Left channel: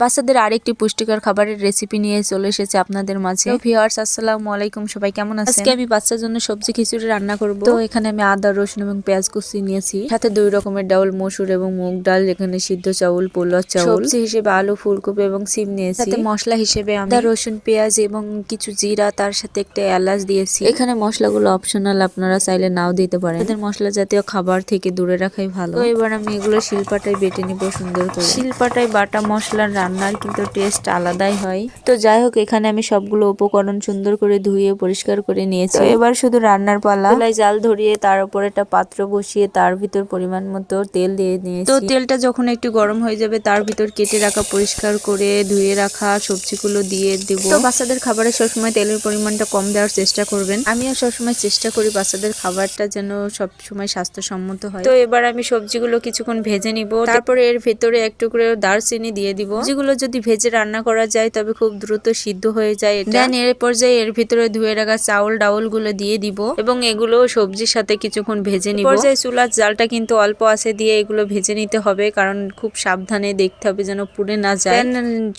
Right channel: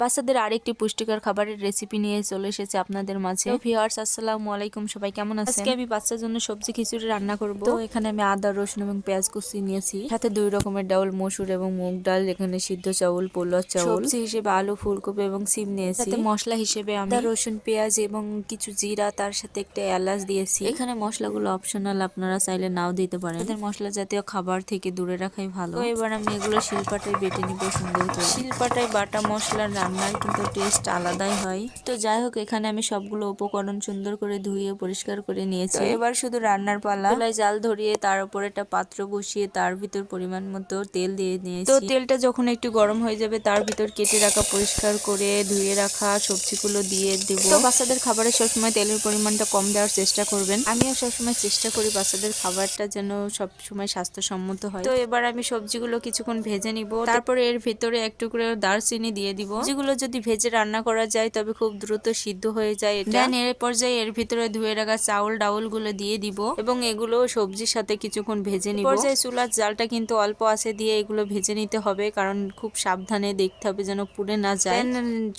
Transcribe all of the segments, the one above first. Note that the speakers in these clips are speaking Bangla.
বাচ্চাদের আরেকটি পুষ্টিকর খাবারের রেসিপি নিয়ে চলে এসেছে আপনাদের মাঝে। ভিউয়ার্স, আসসালামু আলাইকুম, সবাই কেমন আছেন? আজকে আমি বাচ্চার জন্য সবজি খিচুড়ি রান্না করব। তো এখানে আমি আদা, রসুন এবং পেঁয়াজ কুচি নিয়েছি, সাথে 2 রকমের ডাউল, মসুর এবং মুগ ডাল, এখানে সিদ্ধ চাউল, পোলাও চাউল, সবজি হিসেবে আলু, ফুলকপি এবং সিম নিয়েছি। সাথে মশলা হিসেবে আমি আদা, রসুন, পেঁয়াজ এবং কিছু জিরা, তার সাথে একটা এলাচ দিয়েছি। এখানে মশলাগুলো অপশনাল, আপনারা চাইলে নাও দিতে পারেন। এদের মশলা জাতীয় খাবার থেকে দূরে রাখাই ভালো। তো এবার আমি এগুলো শিলপাটায় বেটে নিব সুন্দর করে। শিলপাটায় বাটা মশলার রান্নার কিন্তু টেস্ট আলাদাই হয়। তো যাই হোক, এখানে আমি সবগুলো উপকরণ সুন্দর করে ধুয়ে পরিষ্কার করে নিয়েছি। এবার শুধু রান্নার পালা। চুলায় জাল ধরিয়ে তার উপর একটা পাত্র বসিয়ে তার ভিতর পরিমাণ মতো তেল দিয়ে নিয়েছি। তো তেলটা যখন একটু গরম হয়ে যাবে, তার ভিতর কেটে রাখা, পরিষ্কার করে ধুয়ে রাখা সবজিগুলো দিয়ে দেব। তো বাচ্চাদের খাবারে সবসময় তেলের পরিমাণটা কম দেওয়ার চেষ্টা করবেন। আমিও সবসময় চেষ্টা করি বাচ্চাদের খাবারটা যেন সবসময় স্বাস্থ্যসম্মত হয়। তো এবার আমি সবজিগুলো কিছুক্ষণ ভেজে নিব। তারপরে এর ভেতরে একটু করে দারচিনি দিয়ে দিব। যেগুলো যদি ভেজে রান্না করা যায় তবে খুব দ্রুত সিদ্ধ হয়ে যায় এটা। দেন এর পর্যায়ে এর ভিতরে ধুয়ে রাখা চাউল ডাউল গুলো দিয়ে দিব এবং এগুলো সবজির সাথে কিছুক্ষণ ভেজে নিব। পর্যায়ে চুলার জালটা কিন্তু অল্প আছে দিয়ে এগুলো ভেজে নিতে হবে, কারণ খুব সাবধানে দেখতে হবে যেন পুড়ে না যায়।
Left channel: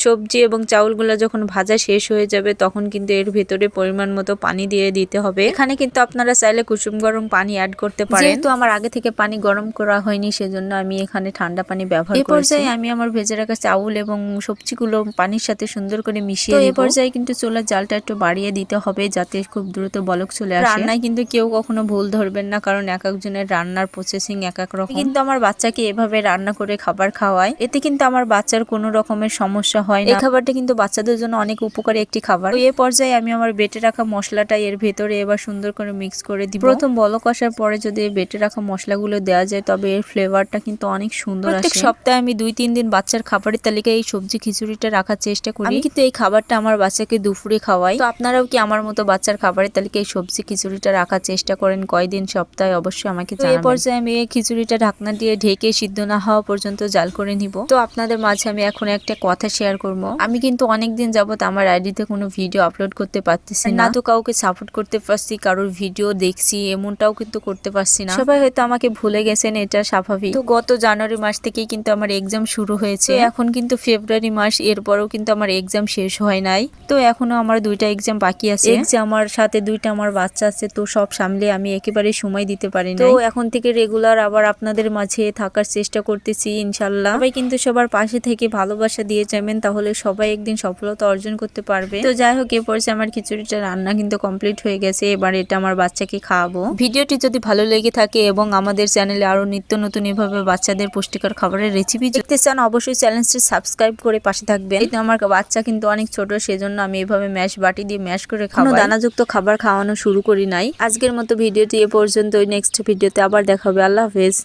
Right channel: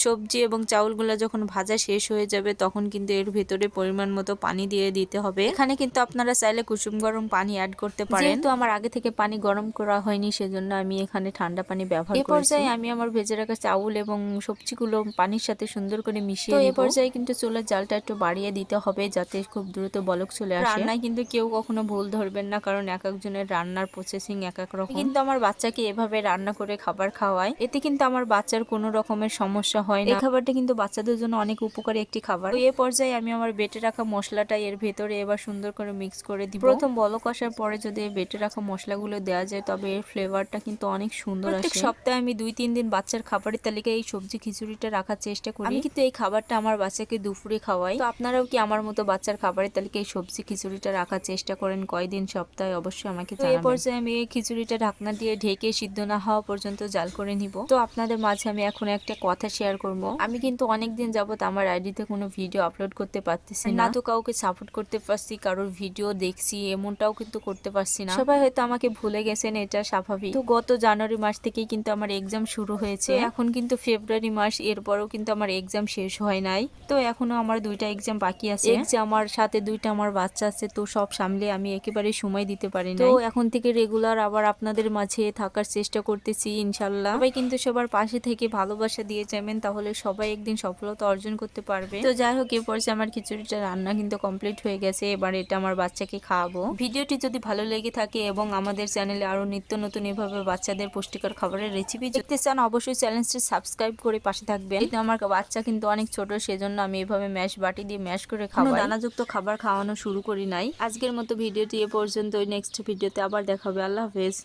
সবজি এবং চাউলগুলো যখন ভাজা শেষ হয়ে যাবে তখন কিন্তু এর ভেতরে পরিমাণ মতো পানি দিয়ে দিতে হবে। এখানে কিন্তু আপনারা চাইলে কুসুম গরম পানি অ্যাড করতে পারেন। যেহেতু আমার আগে থেকে পানি গরম করা হয়নি, সেজন্য আমি এখানে ঠান্ডা পানি ব্যবহার করেছি। এই পর্যায়ে আমি আমার ভেজে রাখা চাউল এবং সবজিগুলো পানির সাথে সুন্দর করে মিশিয়ে নিব। তো এই পর্যায়ে কিন্তু চুলার জালটা একটু বাড়িয়ে দিতে হবে যাতে খুব দ্রুত বলক চলে আসে। রান্নায় কিন্তু কেউ কখনো ভুল ধরবেন না, কারণ এক একজনের রান্নার প্রসেসিং এক এক রকম। কিন্তু আমার বাচ্চাকে এভাবে রান্না করে খাবার খাওয়ায়, এতে কিন্তু আমার বাচ্চার কোনো রকমের সমস্যা হয় না। এই খাবারটা কিন্তু বাচ্চাদের জন্য অনেক উপকারী একটি খাবার। তো এই পর্যায়ে আমি আমার বেটে রাখা মশলাটা এর ভেতরে এবার সুন্দর করে মিক্স করে দিব। প্রথম বলক আসার পরে যদি বেটে রাখা মশলাগুলো দেওয়া যায় তবে এর ফ্লেভারটা কিন্তু অনেক সুন্দর আসে। প্রত্যেক সপ্তাহে আমি 2-3 দিন বাচ্চার খাবারের তালিকায় এই সবজি খিচুড়িটা রাখার চেষ্টা করি। আমি কিন্তু এই খাবারটা আমার বাচ্চাকে দুপুরে খাওয়াই। তো আপনারাও কি আমার মতো বাচ্চার খাবারের তালিকায় এই সবজি খিচুড়িটা রাখার চেষ্টা করেন? কয়দিন সপ্তাহে অবশ্যই আমাকে জানাবেন। এই পর্যায়ে আমি এই খিচুড়িটা ঢাকনা দিয়ে ঢেকে সিদ্ধ না হওয়া পর্যন্ত জাল করে নিব। তো আপনাদের মাঝে আমি এখন একটা কথা শেয়ার করব। আমি কিন্তু অনেকদিন যাবত আমার আইডিতে কোনো ভিডিও আপলোড করতে পারতেছি না। তো কাউকে সাপোর্ট করতে পারছি, কারোর ভিডিও দেখছি এমনটাও কিন্তু করতে পারছি না। সবাই হয়তো আমাকে ভুলে গেছেন, এটা স্বাভাবিক। তো গত জানুয়ারি মাস থেকেই কিন্তু আমার এক্সাম শুরু হয়েছে। এখন কিন্তু ফেব্রুয়ারি মাস, এরপরও কিন্তু আমার এক্সাম শেষ হয় নাই। তো এখনো আমার 2টা এক্সাম বাকি আছে। আমার সাথে 2টা আমার বাচ্চা আছে, তো সব সামলে আমি একেবারে সময় দিতে পারি না। তো এখন থেকে রেগুলার আবার আপনাদের মাঝে থাকার চেষ্টা করতেছি ইনশাল্লাহ। সবাই কিন্তু সবার পাশে থেকে ভালোবাসা দিয়ে যাবেন, তাহলে সবাই একদিন সফলতা অর্জন করতে পারবে। তো যাই হোক, এরপর আমার খিচুড়িটা রান্না কিন্তু কমপ্লিট হয়ে গেছে। এবার এটা আমার বাচ্চাকে খাওয়াবো। ভিডিওটি যদি ভালো লেগে থাকে এবং আমাদের চ্যানেলে আরো নিত্য নতুন এভাবে বাচ্চাদের পুষ্টিকর খাবারের রেসিপি দেখতে চান, অবশ্যই চ্যানেলটি সাবস্ক্রাইব করে পাশে থাকবেন। এই তো আমার বাচ্চা কিন্তু অনেক ছোট, সেজন্য আমি এভাবে ম্যাশ বাটি দিয়ে ম্যাশ করে খাওয়াই। দানাযুক্ত খাবার খাওয়ানো শুরু করি নাই। আজকের মতো ভিডিওটি এ পর্যন্ত। নেক্সট ভিডিওতে আবার দেখা হবে। আল্লাহ হাফেজ।